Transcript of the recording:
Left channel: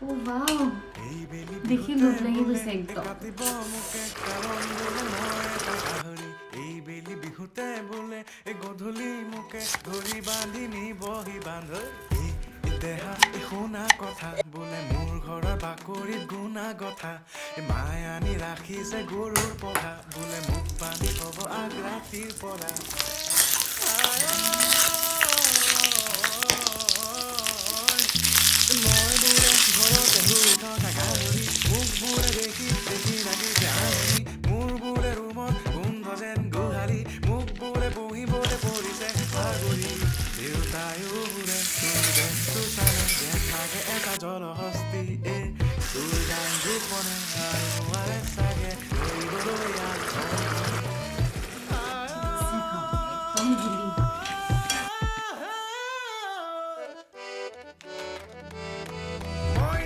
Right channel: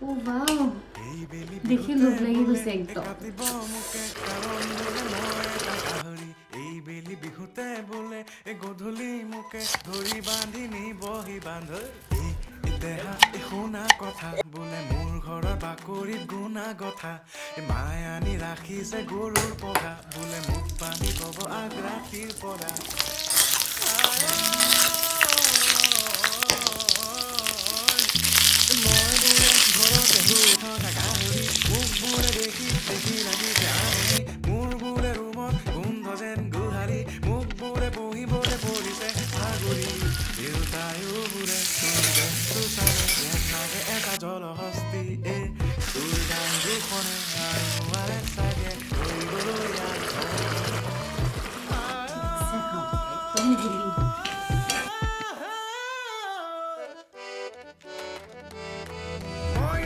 ও বাও, দেখি লোভ লাগি গৈছে একদম। এইবেলি বিহুতে বোলে গধূলি মোকে ধৰি বান্ধি নিবহি বান্ধ দেহা শুনা কথা বোলে মোৰ ঘৰৰ বাকৰিত গুণা গথা মায়ে আনি ৰাখিছে গৰুৰ পঘা বোলে মোক বান্ধি কব আগ ৰাতিৰ পৰা মই বোলে ঘৰতে শুই থকা গাহৰি মোক বোলে দেখি দেখি লাগিছে আহৰি মোৰ বোলে ৰুমত গোন্ধ যেন গোহালি মোক বোলে বহিবলৈ পৰিছে ভাগৰি দেউতায়ো বোলে তোৰ দেহটো চালে যেন লাগে এটা জলহস্তি তোৰ গান দুখনে আৰু নোৱাৰে চাগে কৰিবলৈ ঠিকছে খাওঁ, একদম ধূলি।